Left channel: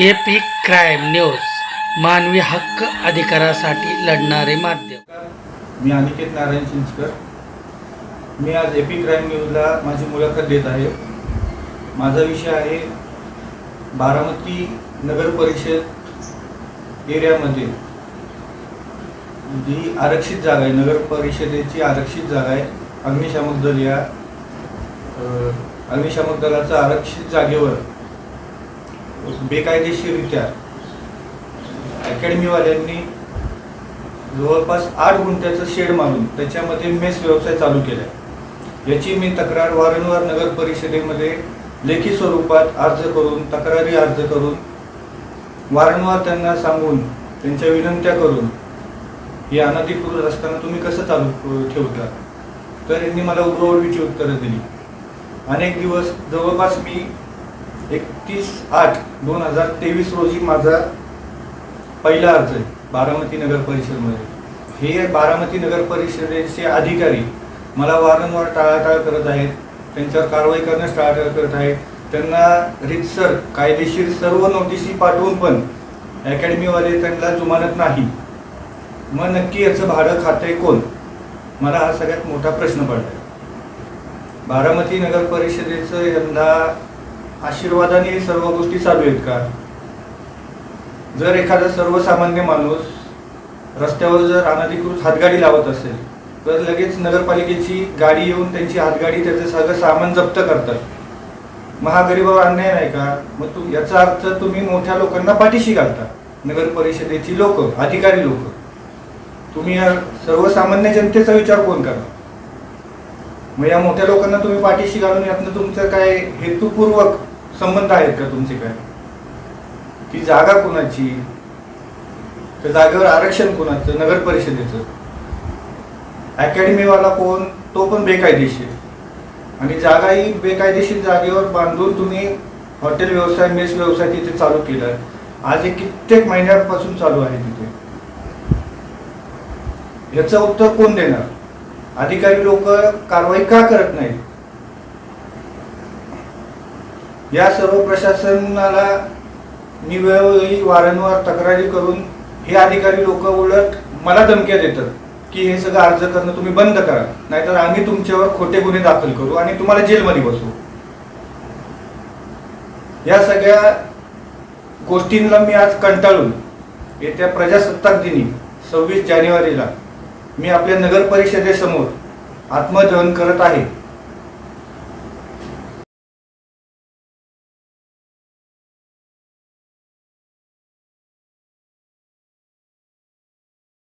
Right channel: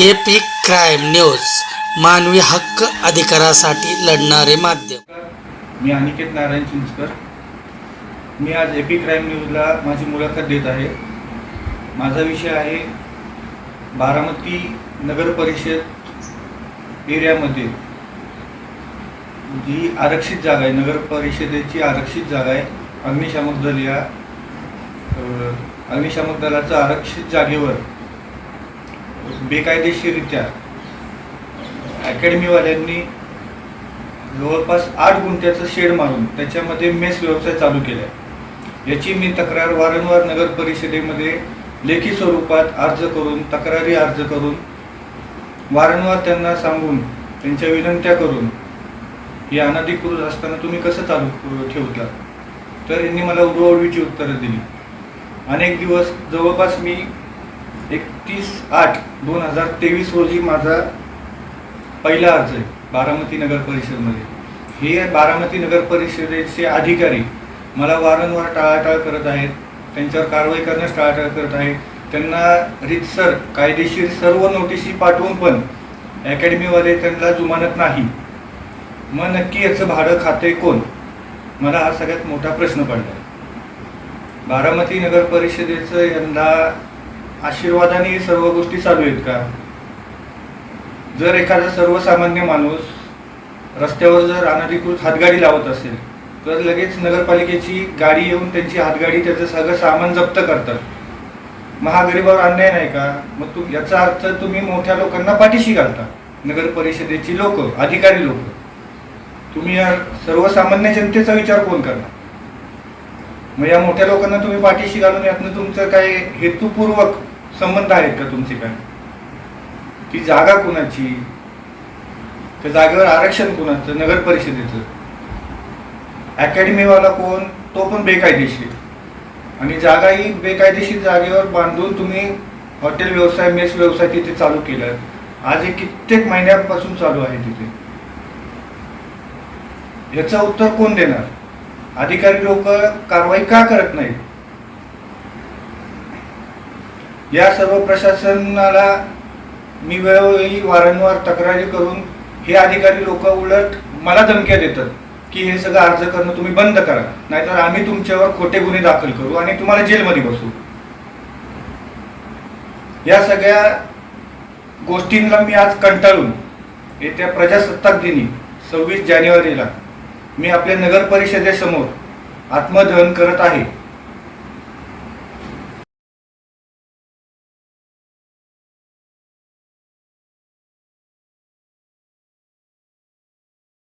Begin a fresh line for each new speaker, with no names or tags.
AP crime news मानवी हक्क अधिकारासाठी लढणारे माध्यम.
मी अनिकेत नारायण चिंचकर. मी आज एपी क्राईम न्यूजला माझी मुलाखत देत आहे. माझा विषय आहे बारामती नगर परिषद एरियामध्ये. जी आरक्षित जागा आहे नगर परिषदेची आरक्षित जागा आहे अग्निशामक दल या अग्निशामक दलाचं आरक्षित जागेवर बेकायदेशीरित्या अकॅडमीवाल्यांनी जवळपास आठ गुंठ्याचं शेड मारून त्याच्यामध्ये मेस व्यवसाय चालू केला आहे याची मी तक्रार वारंवार नगर परिषदेमध्ये लेखी स्वरूपात अर्ज करून तक्रारी अर्ज करून वारंवार त्यांना सांगून त्यांच्या विनंत्या करून ही अनधिकृत असताना तुम्ही कसं चालू ठेवता? तर यांनी मला उडवाउडवीची उत्तरं दिली. अनेक दिवस जवळपास मी एकतीस आठ दोन हजार तेवीस रोजी माझा पहिला अर्ज आहे बारामती नगर परिषदेमध्ये. हे बारामती नगर परिषदेचे अधिकारी मला वारंवार टाळाटाळ करत आहेत त्यांच्यावर कारवाई करण्यास टाळाटाळ करत आहेत. त्यांना रितसर कायदेशीर सर्व नोटिसी पाठवून पण अकॅडमीवाले त्यांना जुमानत नाही. मग नक्की याचं भाडं खाते कोण? मला हा सगळ्यात मोठा प्रश्न पडला बारामती नगर परिषदेचं यंदा आशीर्वादाने सर्व गोष्टी चालू आहेत का? जर एखादा सर्वसामान्य माणूस रस्त्यावर जर अनधिकृत हातगाडी लावत असेल तर लगेच नगरपालिकेची गाडी येऊन त्यांची हातगाडी त्याचं सगळं सामान जप्त करतात. महागरीबावर अन्याय नाही का? मग तुम याचा अर्थ तुम्ही मोठ्या लोकांना पाठीशी घालता. नगर परिषदेची लोक अधिकारी लोक. तुम्ही या सर्वसामान्य जनतेचा विचार कोण करणार? मग या मोठ्या लोकांना तुम्ही पाठीशी घालून यातनं तुमचं काय हेतुपूर्वक संबंध आहेत का तुमचे काय? ती जागा कोणाची? त्या जागेवर आरक्षण कोणाचं? नगर परिषदेचं? अकॅडमीवाला कोण? तो पण बेकायदेशीर. आणि जागाही बेकायदेशीर जागेवर बांधून तुम्ही हॉटेल व्यवसाय मेस व्यवसाय तिथे चालू केला. आज हे कित्येक महिन्यापासून चालू आहे तिथे. याचं उत्तर कोण देणार? अधिकारी लोक कारवाई का करत नाहीत? या सर्व प्रशासनाला मी वेळोवेळी वारंवार तक्रारी करून हे अधिकारी लोक उलट मला धमक्या देतात की हे सगळं अर्ज करणं तुम्ही बंद करा नाहीतर आम्ही तुमच्यावर खोटे गुन्हे दाखल करू आणि तुम्हाला जेलमध्ये बसवू. या सगळ्या गोष्टींना मी आज कंटाळून येत्या प्रजासत्ताक दिनी सव्वीस जानेवारीला मी आपल्या नगर परिषदेसमोर आत्मदहन करत आहे.